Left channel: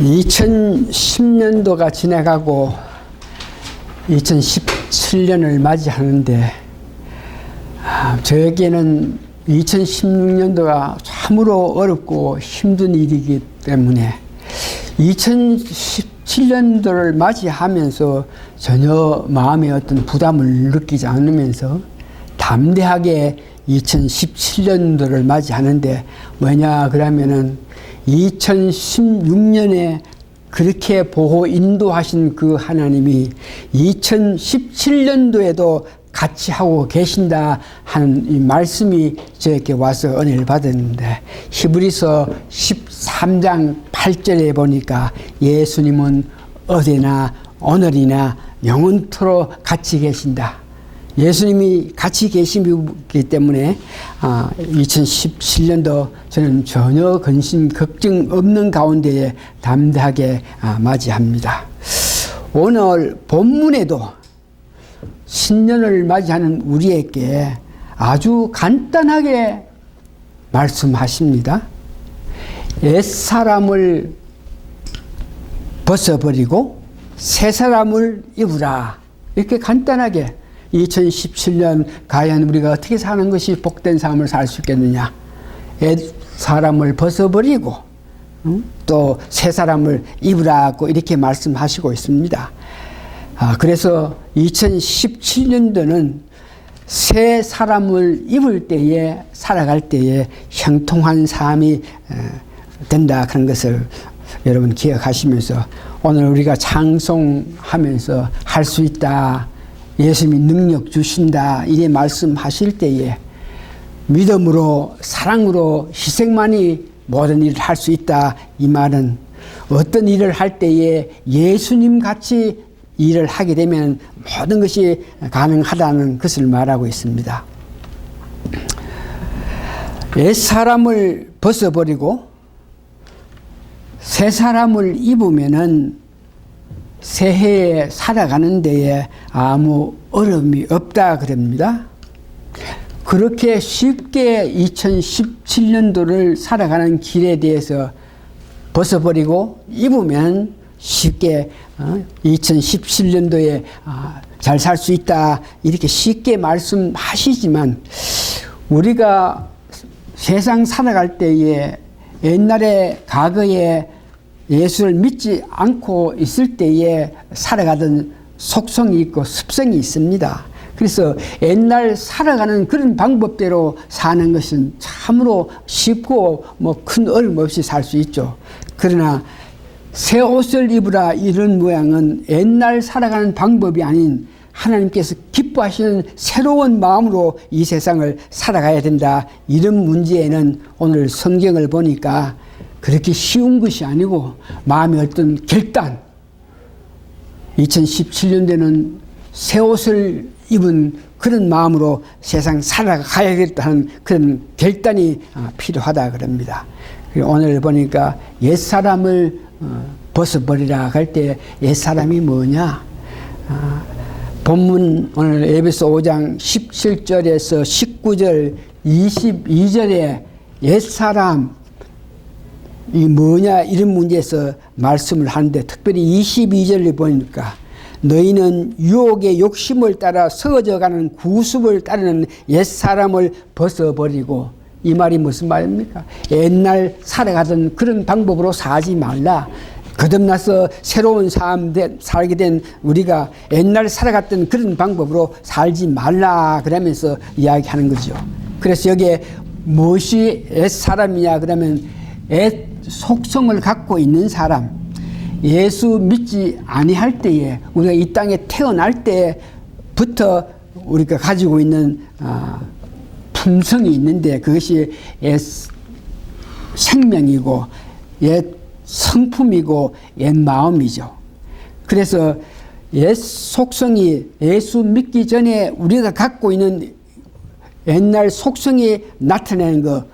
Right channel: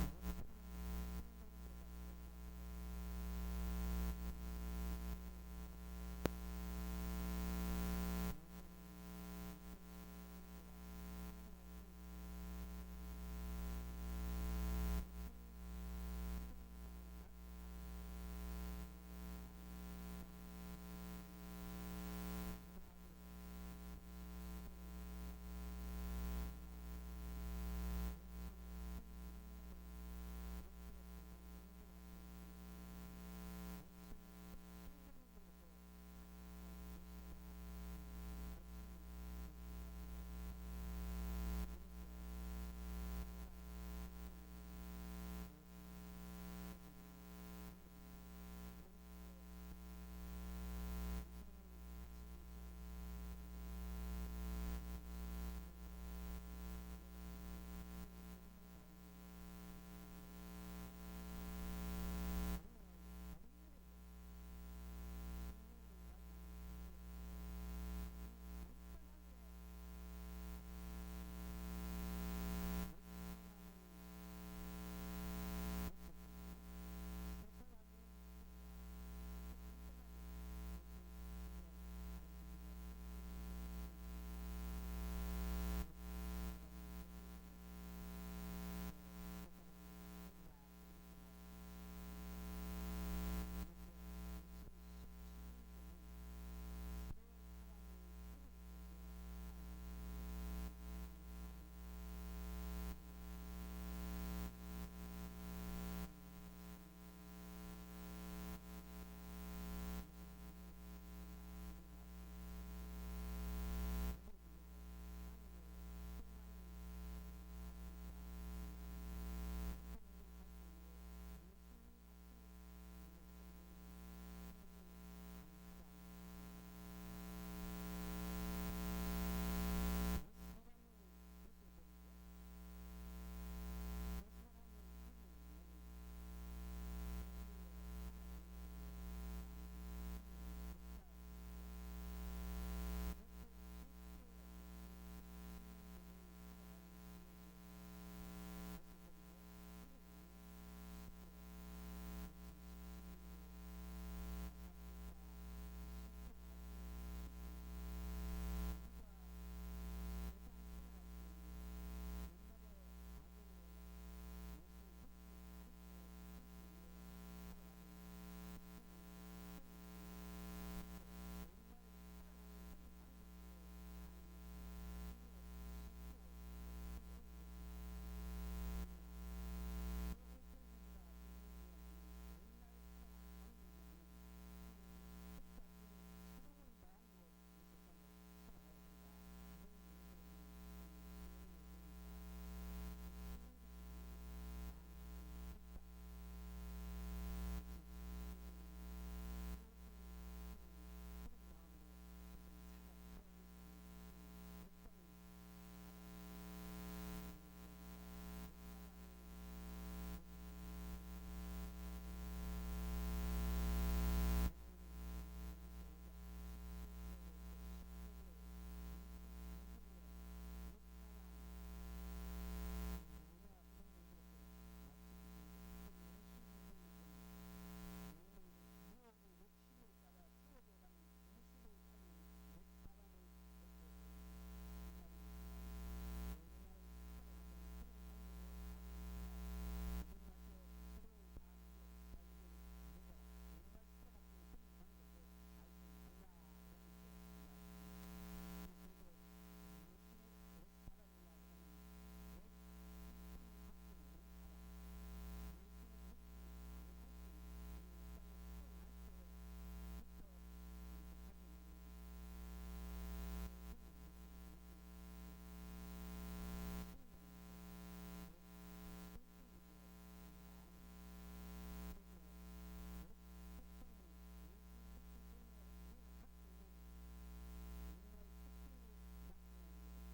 2010년도가 지나가고 2017년을 맞이하는데 저에게는 2016년도가 참으로 어렵고 힘든 일이기 때문에 2017년도를 맞이하면서 전혀 마음에 어떤 부담을 느끼지 않으면서 담대하게 2017년도를 맞이하는데 뭐냐 그러면은 2016년에 그렇게 보호 인도하신 그 하나님이 2017년도에도 같이 하고 계신다 하는 이 말씀이 저에게 와서 은혜를 받았는데, 히브리서 13장 8절에 보니까 예수님은 어제나 오늘이나 영원토록 같이 계신다. 예수님이 같이 계시기 때문에 2017년도 저는 전혀 근심 걱정 없는 가운데에 담대하게 맞이합니다. 오늘 본문에도 신년을 맞이하는 우리에게 아주 간단하게 말씀하십니다. 옛사람을 벗어버리고 새사람을 입으라. 이렇게 간단하게 2017년 과연 우리가 어떻게 사는 것이 복된 삶을 살 수 있겠느냐. 옛사람을 벗어버리고 또 새사람을 입으라고 이렇게 말씀하시고 있습니다. 그래서 2017년도는 새 사람을 입을 때에 살아갈 때에 형통한 삶이 된다 그런 것을 여러분 기억하시면서 오늘 우리가 찬송하면서 할 수 있다, 예수님이 능력 주신다 이래 말씀하실 때에 믿음으로 사랑으로 희생만이 모든 일을 할 수 있다, 이 말은 어떤 일을 할 때에 예수님 같이 일을 하게 되면 모든 것이 가능하다는 것을 말하고 있습니다. 옛사람을 벗어버리고 새 사람을 입으면은 새해에 살아가는 데에 아무 어려움이 없다 그럽니다. 그렇게 쉽게 2017년도를 살아가는 길에 대해서 벗어버리고 입으면 쉽게 2017년도에 잘 살 수 있다 이렇게 쉽게 말씀하시지만, 우리가 세상 살아갈 때에 옛날에 과거에 예수를 믿지 않고 있을 때에 살아가던 속성이 있고 습성이 있습니다. 그래서 옛날 살아가는 그런 방법대로 사는 것은 참으로 쉽고 큰 어려움 없이 살 수 있죠. 그러나 새 옷을 입으라 이런 모양은 옛날 살아가는 방법이 아닌 하나님께서 기뻐하시는 새로운 마음으로 이 세상을 살아가야 된다, 이런 문제에는 오늘 성경을 보니까 그렇게 쉬운 것이 아니고 마음의 어떤 결단, 2017년도에는 새 옷을 입은 그런 마음으로 세상 살아가야겠다는 그런 결단이 필요하다 그럽니다. 오늘 보니까 옛사람을 벗어버리라 할 때 옛사람이 뭐냐? 본문 오늘 에베소 5장 17절에서 19절 22절에 옛사람이 뭐냐 이런 문제에서 말씀을 하는데, 특별히 22절을 보니까 너희는 유혹의 욕심을 따라 서어져가는 구습을 따르는 옛사람을 벗어버리고, 이 말이 무슨 말입니까? 옛날 살아가던 그런 방법으로 살지 말라. 거듭나서 새로운 삶 살게 된 우리가 옛날 살아갔던 그런 방법으로 살지 말라 그러면서 이야기하는 거죠. 그래서 여기에 무엇이 옛사람이냐 그러면 옛 속성을 갖고 있는 사람, 예수 믿지 아니할 때에 우리가 이 땅에 태어날 때부터 우리가 가지고 있는 품성이 있는데, 그것이 옛 생명이고 옛 성품이고 옛 마음이죠. 그래서 옛 속성이 예수 믿기 전에 우리가 갖고 있는 옛날 속성이 나타내는 것,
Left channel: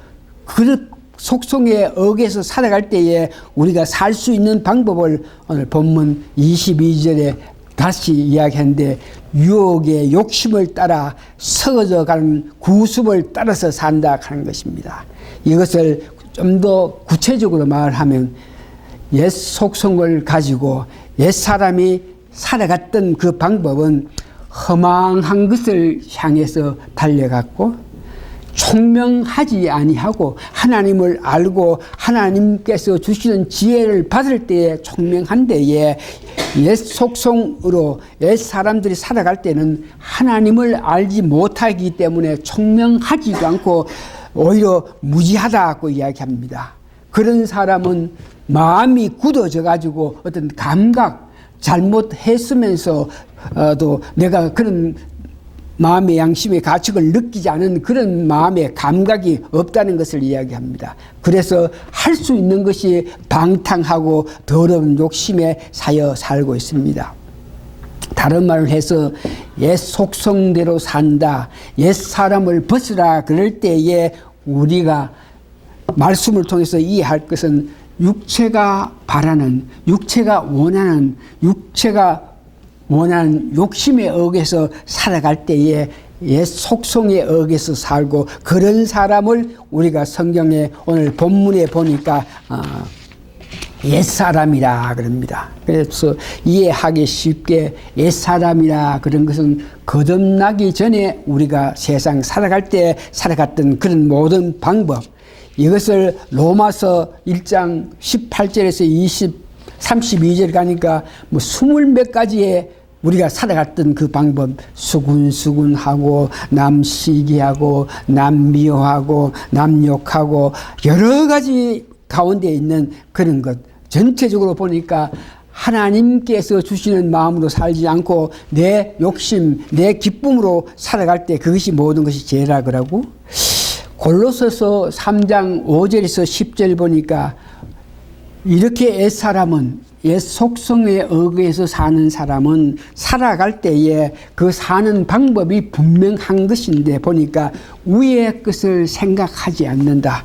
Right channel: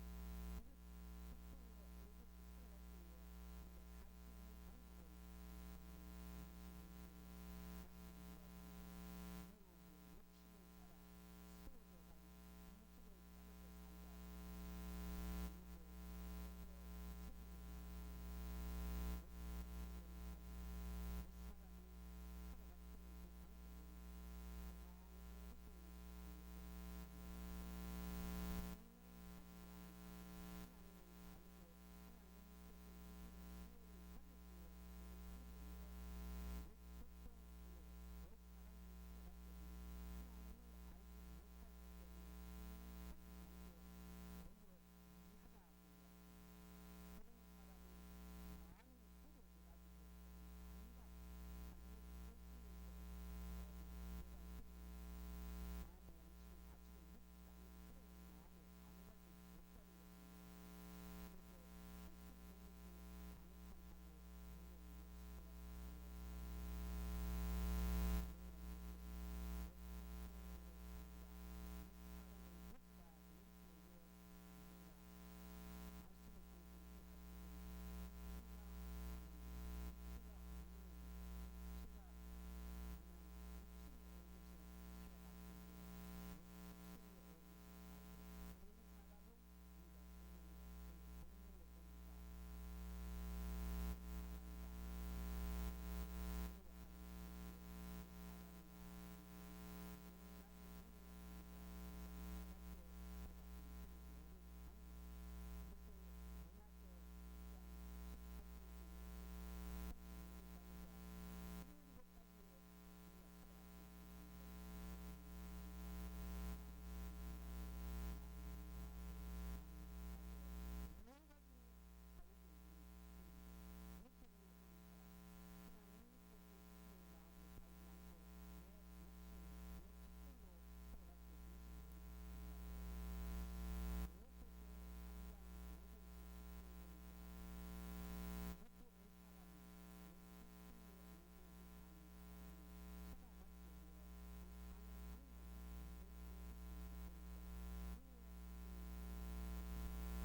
그 속성에 어겨서 살아갈 때에 우리가 살 수 있는 방법을 오늘 본문 22절에 다시 이야기하는데, 유혹의 욕심을 따라 서어져 가는 구습을 따라서 산다 하는 것입니다. 이것을 좀 더 구체적으로 말하면 옛 속성을 가지고 옛 사람이 살아갔던 그 방법은 허망한 것을 향해서 달려갔고 총명하지 아니하고 하나님을 알고 하나님께서 주시는 지혜를 받을 때에 총명한 때에 옛 속성으로 옛 사람들이 살아갈 때는 하나님을 알지 못하기 때문에 총명하지도 않고 오히려 무지하다고 이야기합니다. 그런 사람은 마음이 굳어져 가지고 어떤 감각 잘못했으면서도 내가 그런 마음의 양심의 가책을 느끼지 않은 그런 마음의 감각이 없다는 것을 이야기합니다. 그래서 할 수 있는 것이 방탕하고 더러운 욕심에 사여 살고 있습니다. 다른 말을 해서 옛 속성대로 산다, 옛 사람을 벗으라 그럴 때에 우리가 말씀을 통해서 이해할 것은 육체가 바라는, 육체가 원하는 욕심에 의해서 살아갈 때에 옛 속성에 의해서 살고, 그런 사람을 우리가 성경에 오늘 본문에 보니까 옛사람이라 그럽니다. 그래서 이해하기 쉽게 옛사람이라 그런 것은 거듭나기 전에 우리가 세상 살아갈 때 살아갔던 그런 모든 방법, 이것을 로마서 1장 18절에서 32절 가니까 뭐 20몇 가지의 우리가 살아갔던 그 방법, 수군수군하고 남 시기하고 남 미워하고 남 욕하고 여러 가지 가운데 있는 그런 것, 전체적으로 보니까 하나님께서 주시는 마음으로 살지 않고 내 욕심, 내 기쁨으로 살아갈 때 그것이 모든 것이 죄라 그러고, 골로새서 3장 5절에서 10절 보니까 이렇게 옛 속성에 의해서 사는 사람은 살아갈 때에 그 사는 방법이 분명한 것인데 보니까 위의 것을 생각하지 않는다.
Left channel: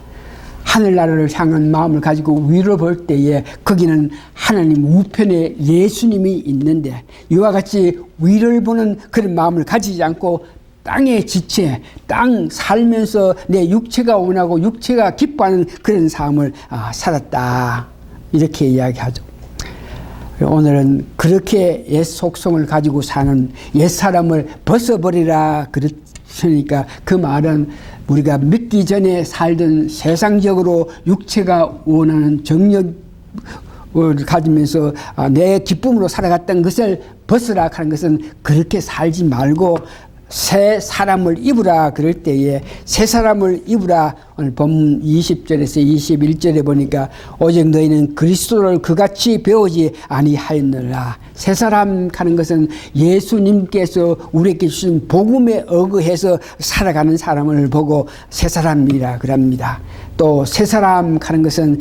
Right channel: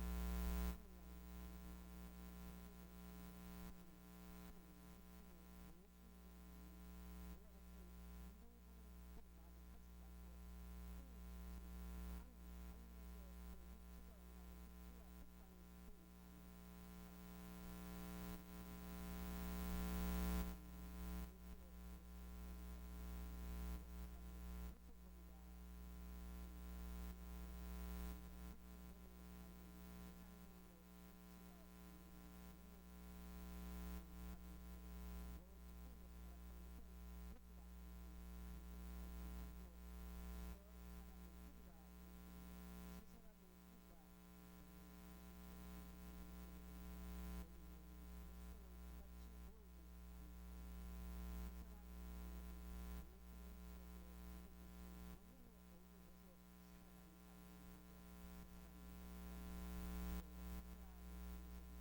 하늘나라를 향한 마음을 가지고 위로 볼 때에 거기는 하나님 우편에 예수님이 있는데, 이와 같이 위를 보는 그런 마음을 가지지 않고 땅의 지체, 땅 살면서 내 육체가 원하고 육체가 기뻐하는 그런 삶을 살았다, 이렇게 이야기하죠. 오늘은 그렇게 옛 속성을 가지고 사는 옛 사람을 벗어버리라 그랬으니까, 그 말은 우리가 믿기 전에 살던 세상적으로 육체가 원하는 정력을 가지면서 내 기쁨으로 살아갔던 것을 벗으라 하는 것은 그렇게 살지 말고 새 사람을 입으라 그럴 때에 새 사람을 입으라, 오늘 본문 20절에서 21절에 보니까 오직 너희는 그리스도를 그같이 배우지 아니하였느라. 새 사람 하는 것은 예수님께서 우리에게 주신 복음에 의거해서 살아가는 사람을 보고 새 사람이라 그럽니다. 또 새 사람 하는 것은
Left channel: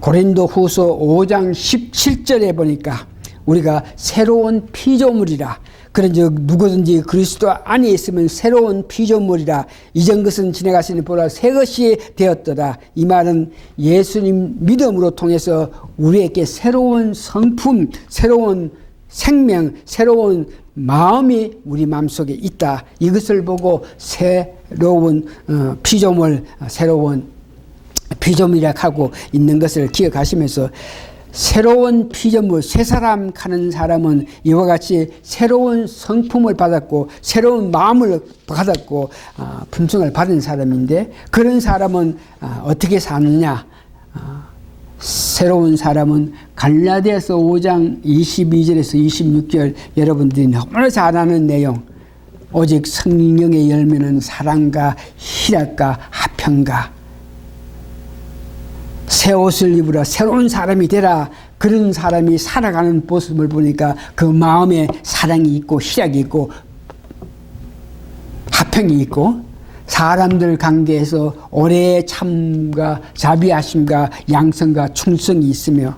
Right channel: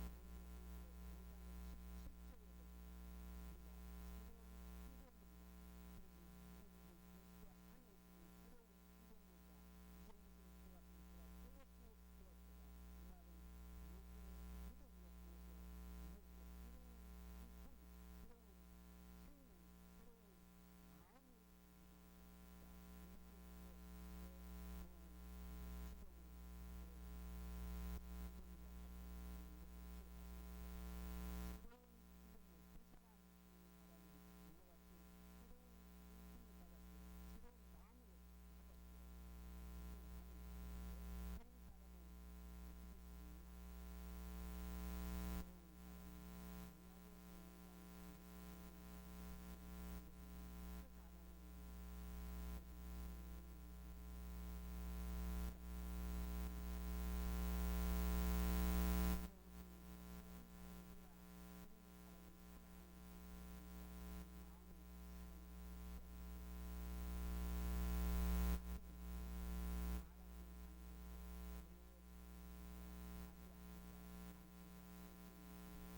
고린도후서 5장 17절에 보니까 우리가 새로운 피조물이라. 그런즉 누구든지 그리스도 안에 있으면 새로운 피조물이라. 이전 것은 지나갔으니 보라 새 것이 되었더라. 이 말은 예수님 믿음으로 통해서 우리에게 새로운 성품, 새로운 생명, 새로운 마음이 우리 마음속에 있다. 이것을 보고 새로운 피조물, 새로운 피조물이라 하고 있는 것을 기억하시면서, 새로운 피조물, 새 사람 하는 사람은 이와 같이 새로운 성품을 받았고 새로운 마음을 받았고 품성을 받은 사람인데, 그런 사람은 어떻게 사느냐? 새로운 사람은 갈라디아서 5장 22절에서 26절 여러분들이 너무나 잘 아는 내용, 오직 성령의 열매는 사랑과 희락과 화평과, 새 옷을 입으라, 새로운 사람이 되라. 그런 사람이 살아가는 모습을 보니까 그 마음에 사랑이 있고 희락이 있고 화평이 있고, 사람들 관계에서 오래 참과 자비하심과 양성과 충성이 있으며,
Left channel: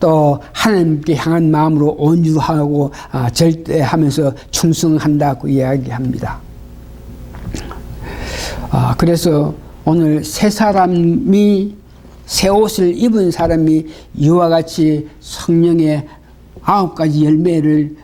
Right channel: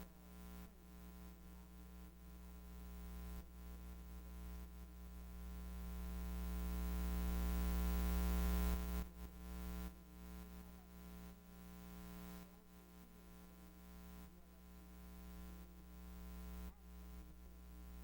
또 하나님께 향한 마음으로 온유하고 절대하면서 충성한다고 이야기합니다. 그래서 오늘 새 사람이, 새 옷을 입은 사람이 이와 같이 성령의 9가지 열매를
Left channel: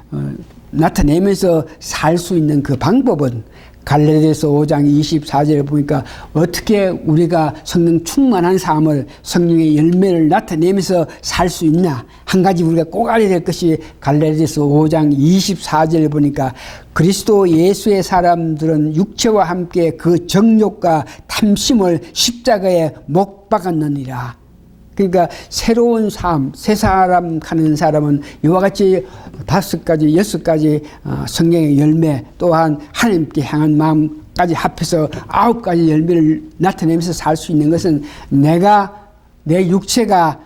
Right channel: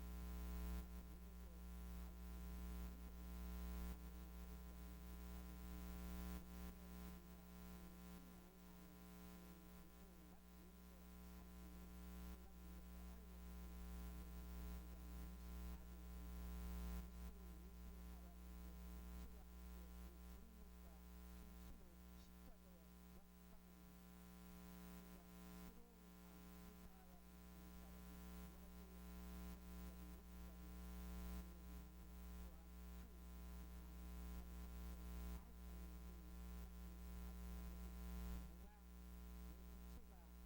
나타내면서 살 수 있는 그 방법은 갈라디아서 5장 24절에 보니까 어떻게 우리가 성령 충만한 삶을 성령의 열매를 나타내면서 살 수 있나. 한 가지 우리가 꼭 알아야 될 것이 갈라디아서 5장 24절에 보니까 그리스도 예수의 사람들은 육체와 함께 그 정욕과 탐심을 십자가에 못 박았느니라. 그러니까 새로운 삶, 새 사람 가는 사람은 이와 같이 5가지, 6가지 성령의 열매, 또한 하나님께 향한 마음까지 합해서 9가지 열매를 나타내면서 살 수 있는 것은 내 육체가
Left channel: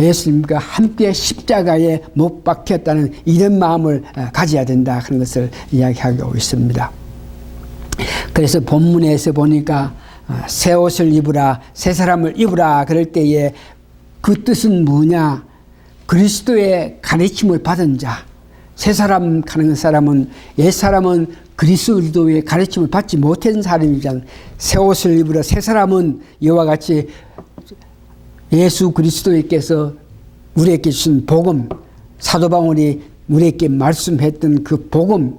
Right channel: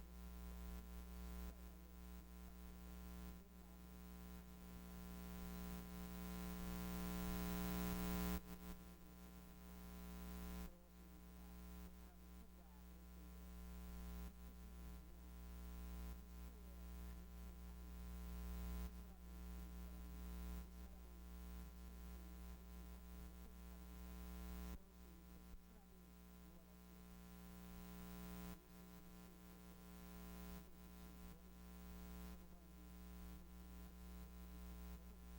예수님과 함께 십자가에 못 박혔다는 이런 마음을 가져야 된다 하는 것을 이야기하고 있습니다. 그래서 본문에서 보니까 새 옷을 입으라, 새 사람을 입으라 그럴 때에 그 뜻은 뭐냐? 그리스도의 가르침을 받은 자, 새 사람 가는 사람은, 옛 사람은 그리스도의 가르침을 받지 못한 사람이잖아. 새 옷을 입으라, 새 사람은 이와 같이 예수 그리스도께서 우리에게 주신 복음, 사도 바울이 우리에게 말씀했던 그 복음,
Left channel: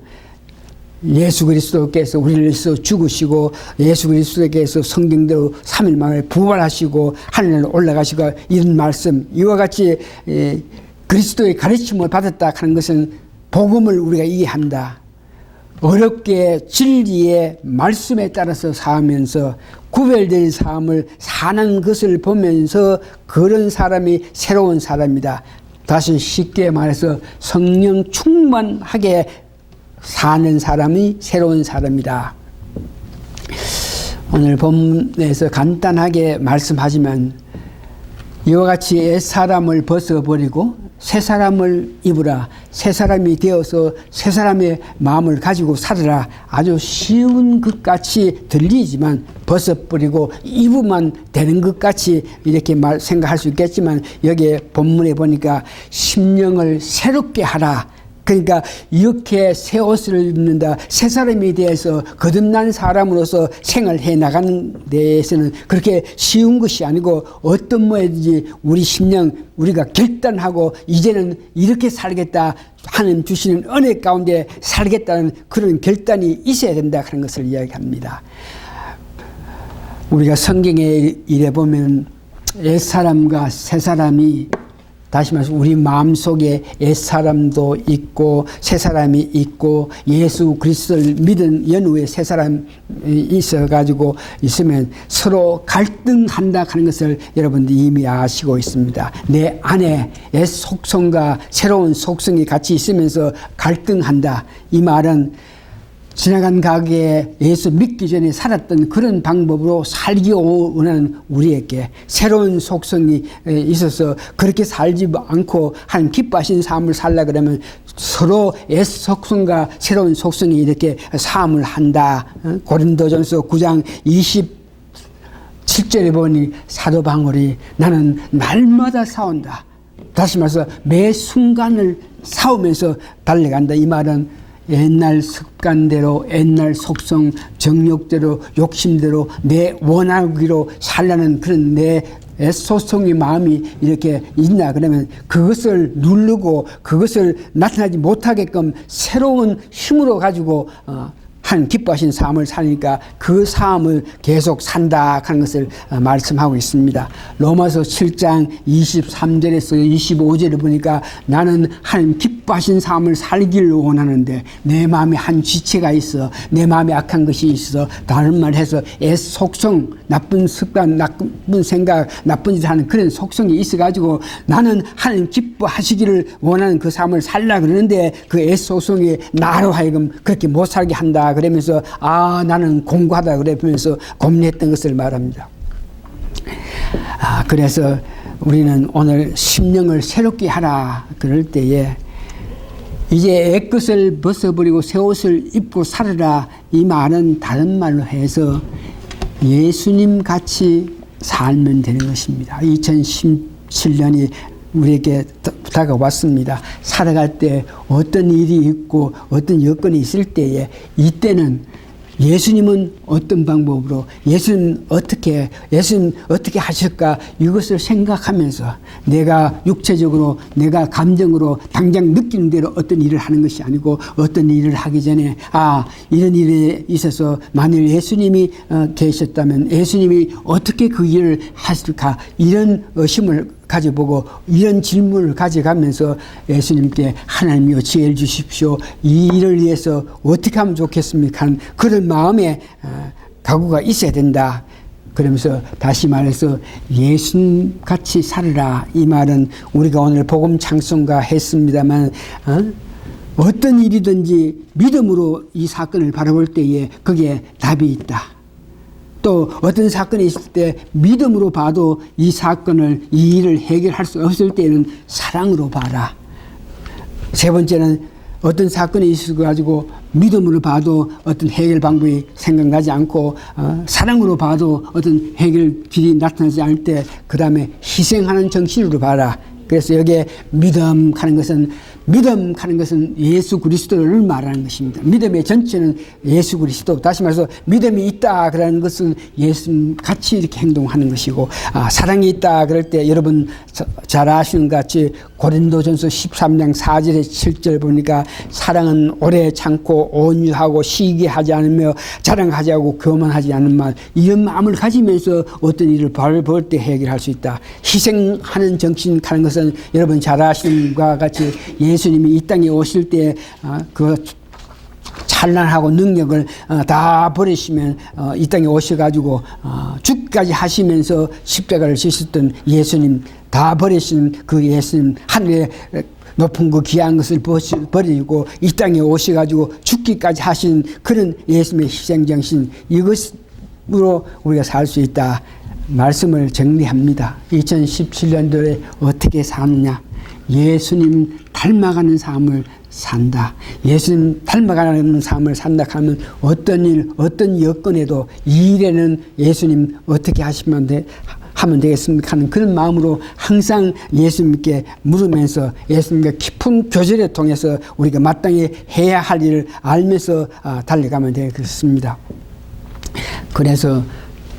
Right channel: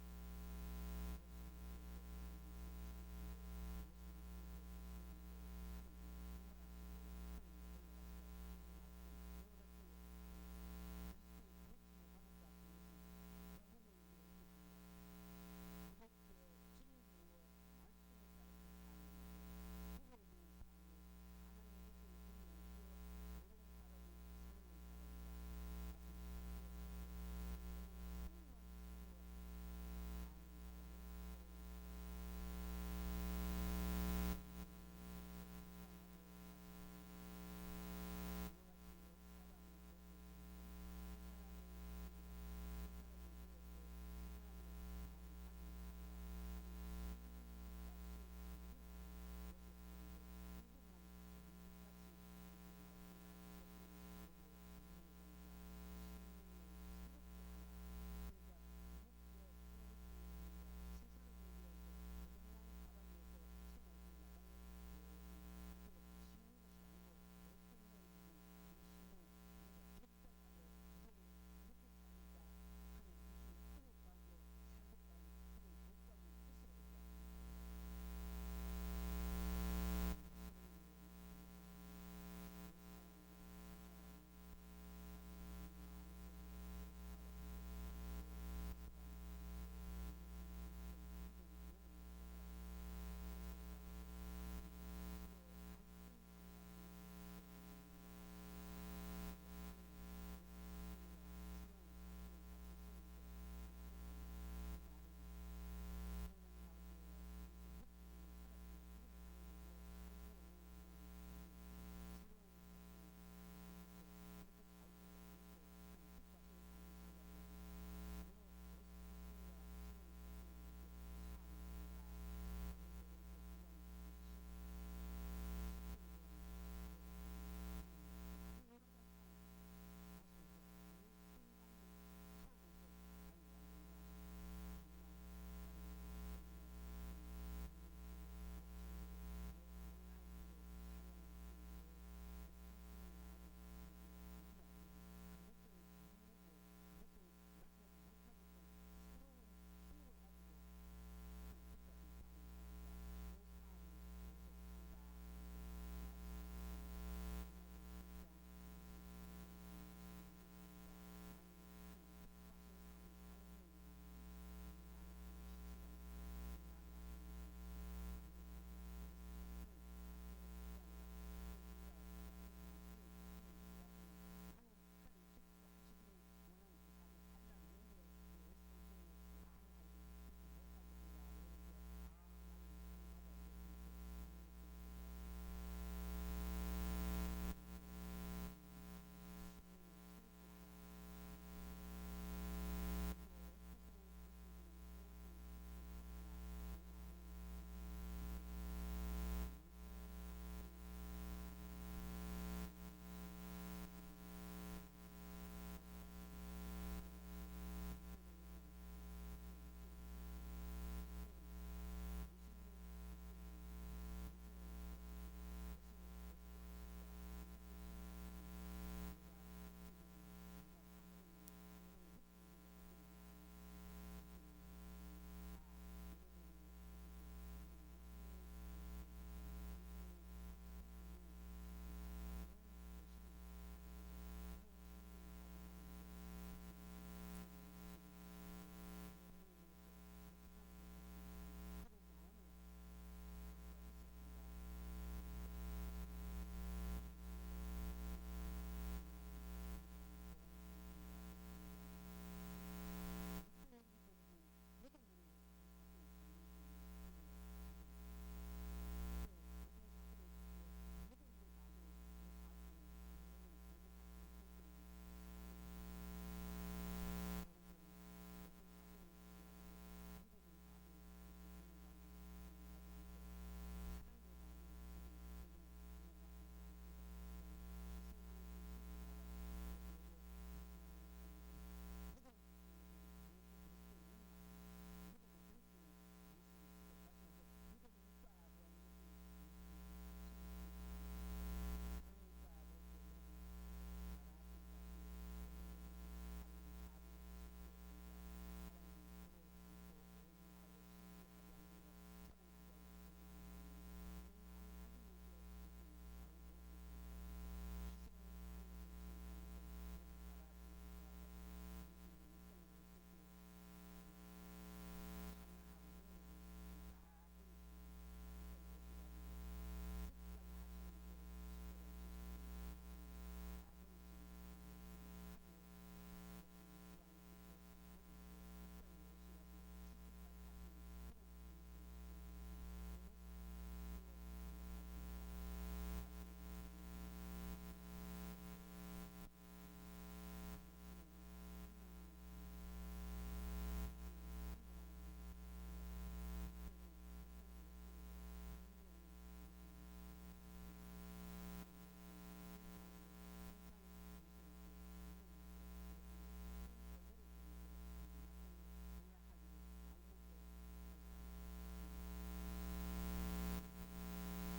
예수 그리스도께서 우리를 위해서 죽으시고 예수 그리스도께서 성경대로 3일 만에 부활하시고 하늘로 올라가시고 이런 말씀, 이와 같이 그리스도의 가르침을 받았다 하는 것은 복음을 우리가 이해한다. 어렵게 진리의 말씀에 따라서 사면서 구별된 삶을 사는 것을 보면서 그런 사람이 새로운 사람이다. 다시 쉽게 말해서 성령 충만하게 사는 사람이 새로운 사람이다. 오늘 본문에서 간단하게 말씀하지만 이와 같이 옛사람을 벗어버리고 새 사람을 입으라. 새 사람이 되어서 새 사람의 마음을 가지고 살아라. 아주 쉬운 것 같이 들리지만 벗어버리고 입으면 되는 것 같이 이렇게 생각할 수 있겠지만 여기에 본문에 보니까 심령을 새롭게 하라. 그러니까 이렇게 새 옷을 입는다, 새 사람에 대해서 거듭난 사람으로서 생활해 나가는 데에서는 그렇게 쉬운 것이 아니고 어떤 모양인지 우리 심령, 우리가 결단하고 이제는 이렇게 살겠다, 하나님 주시는 은혜 가운데 살겠다는 그런 결단이 있어야 된다 하는 것을 이야기합니다. 우리가 성경에 이래 보면 옛사람과 새사람이, 다시 말해서 우리 마음속에 옛사람도 있고 새사람이 있고 예수 그리스도를 믿은 연후에 새사람이 있어가지고 있으면 서로 갈등한다 하는 것을 여러분들이 이미 아시고 있습니다. 내 안에 옛 속성과 새로운 속성이 같이 있으면서 갈등한다. 이 말은 지나간 가게에 예수 믿기 전에 살았던 그런 방법으로 살기 원하는 우리에게 새로운 속성이 있어서 그렇게 살지 않고 한 기뻐하신 삶을 살라 그러면 서로 옛 속성과 새로운 속성이 이렇게 삶을 한다. 고린도전서 9장 27절에 보니 사도 바울이 나는 날마다 싸운다. 다시 말해서 매 순간을 싸우면서 달려간다. 이 말은 옛날 습관대로, 옛날 속성, 정욕대로, 욕심대로 내 원하기로 살라는 그런 내 속성의 마음이 이렇게 있나 그러면 그것을 누르고 그것을 나타나지 못하게끔 새로운 힘으로 가지고 한 기뻐하신 삶을 사니까 그 삶을 계속 산다 하는 것을 말씀하고 있습니다. 로마서 7장 23절에서 25절을 보니까 나는 하나님 기뻐하신 삶을 살기를 원하는데 내 마음에 한 지체가 있어, 내 마음에 악한 것이 있어, 다른 말 해서 애 속성, 나쁜 습관, 나쁜 생각, 나쁜 짓을 하는 그런 속성이 있어가지고 나는 하나님 기뻐하시기를 원하는 그 삶을 살라 그러는데 그 애 속성이 나로 하여금 그렇게 못 살게 한다 그러면서 나는 공고하다 그러면서 고민했던 것을 말합니다. 그래서 우리는 오늘 심령을 새롭게 하라 그럴 때에 이제 옛것을 벗어버리고 새 옷을 입고 살아라, 이 말은 다른 말로 해서 예수님 같이 살면 되는 것입니다. 2017년이 우리에게 다가왔습니다. 살아갈 때 어떤 일이 있고 어떤 여건이 있을 때에 이때는 예수님은 어떤 방법으로, 예수님 어떻게 하실까, 이것을 생각하면서 내가 육체적으로, 내가 감정으로 당장 느끼는 대로 어떤 일을 하는 것이 아니고, 어떤 일을 하기 전에 이런 일에 있어서 만일 예수님이 계셨다면 예수님이 어떻게 그 일을 하실까, 이런 의심을 가져보고 이런 질문을 가져가면서 예수님께 하나님이여 지혜를 주십시오, 이 일을 위해서 어떻게 하면 좋겠습니까 하는 그런 마음에 각오가 있어야 된다. 그러면서 다시 말해서 예수님같이 살으라, 이 말은 우리가 오늘 복음 찬송가 했습니다만 어떤 일이든지 믿음으로 이 사건을 바라볼 때에 거기에 답이 있다. 또 어떤 사건이 있을 때 믿음으로 봐도 이 사건을, 이 일을 해결할 수 없을 때는 사랑으로 봐라. 세 번째는 어떤 사건이 있어가지고 믿음으로 봐도 어떤 해결 방법이 생각나지 않고 사랑으로 봐도 어떤 해결 길이 나타나지 않을 때 그 다음에 희생하는 정신으로 봐라. 그래서 여기에 믿음하는 것은 예수 그리스도를 말하는 것입니다. 믿음의 전체는 예수 그리스도. 다시 말해서 믿음이 있다 그러는 것은 예수님 같이 이렇게 행동하는 것이고, 사랑이 있다 그럴 때 여러분 잘 아시는 것 같이 고린도전서 13장 4절에 7절 보니까 사랑은 오래 참고 온유하고 시기하지 않으며 자랑하지 않고 교만하지 않는 말, 이런 마음을 가지면서 어떤 일을 볼 때 해결할 수 있다. 희생하는 정신 하는 것은 여러분 잘 아시는 것과 같이 예수님이 이 땅에 오실 때 그 찬란하고 능력을 다 버리시면 이 땅에 오셔가지고 죽기까지 하시면서 십자가를 지셨던 예수님, 다 버리신 그 예수님, 하늘에 높은 그 귀한 것을 버리고 이 땅에 오셔가지고 죽기까지 하신 그런 예수님의 희생정신, 이것으로 우리가 살 수 있다. 말씀을 정리합니다. 2017년도에 어떻게 사느냐? 예수님 닮아가는 삶을 산다. 예수님 닮아가는 삶을 산다 하면 어떤 일, 어떤 여건에도 이 일에는 예수님 어떻게 하면 되겠습니까 하는 그런 마음으로 항상 예수님께 물으면서 예수님과 깊은 교제를 통해서 우리가 마땅히 해야 할 일을 알면서 달려가면 되겠습니다. 그래서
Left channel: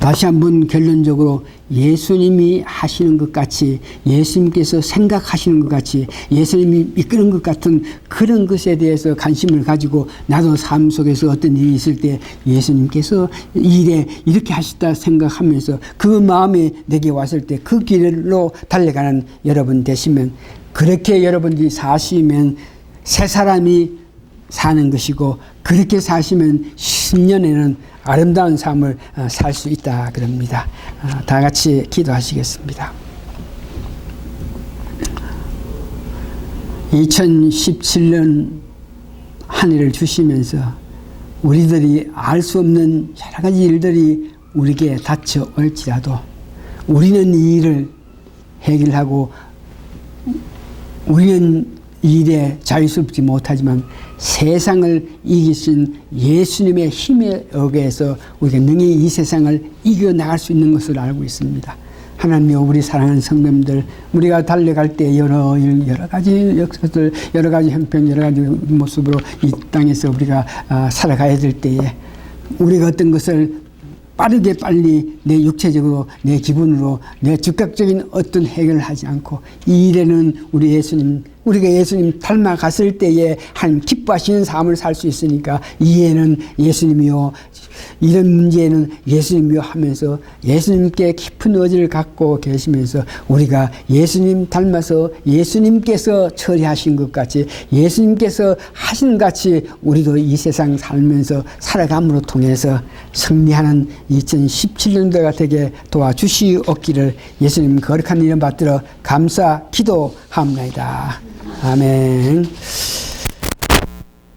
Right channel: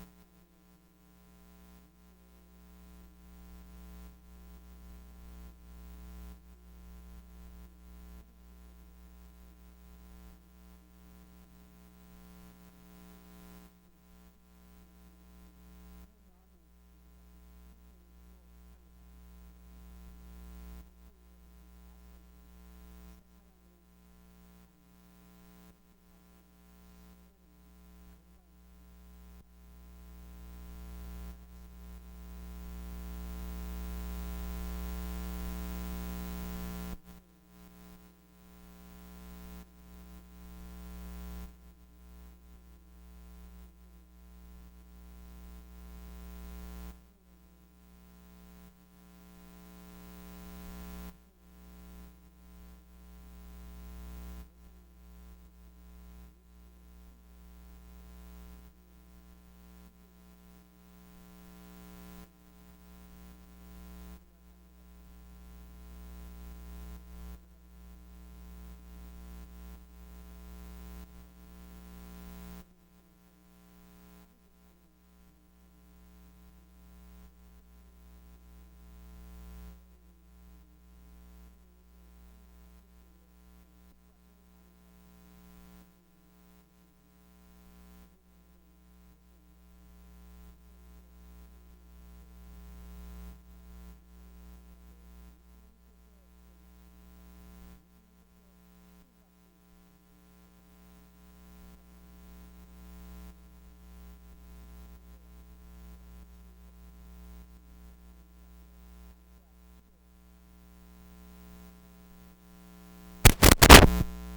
다시 한번 결론적으로 예수님이 하시는 것 같이, 예수님께서 생각하시는 것 같이, 예수님이 이끄는 것 같은 그런 것에 대해서 관심을 가지고 나도 삶 속에서 어떤 일이 있을 때 예수님께서 일에 이렇게 하시다 생각하면서 그 마음이 내게 왔을 때 그 길로 달려가는 여러분 되시면, 그렇게 여러분들이 사시면 새 사람이 사는 것이고, 그렇게 사시면 10년에는 아름다운 삶을 살 수 있다 그럽니다. 다 같이 기도하시겠습니다. 2017년 한 해를 주시면서 우리들이 알 수 없는 여러 가지 일들이 우리에게 닥쳐올지라도 우리는 이 일을 해결하고 우리는 이 일에 자유스럽지 못하지만 세상을 이기신 예수님의 힘에 의해서 우리가 능히 이 세상을 이겨나갈 수 있는 것을 알고 있습니다. 하나님이여, 우리 사랑하는 성도님들, 우리가 달려갈 때 여러 가지 역사들, 여러 가지 형편, 여러 가지 모습으로 이 땅에서 우리가 살아가야 될 때에 우리가 어떤 것을 빨리 내 육체적으로, 내 기분으로, 내 즉각적인 어떤 해결을 하지 않고 이 일에는 우리가 예수님 닮아갔을 때에 한 기뻐하시는 삶을 살 수 있으니까 이에는 예수님이요, 이런 문제에는 예수님이요 하면서 예수님께 깊은 의지를 갖고 계시면서 우리가 예수님 닮아서 예수님께서 처리하신 것 같이, 예수님께서 하신 같이 우리도 이 세상 살면서 살아감으로 통해서 승리하는 2017년도가 되게 도와주시옵기를 예수님 거룩한 이름 받들어 감사 기도합니다. 아멘.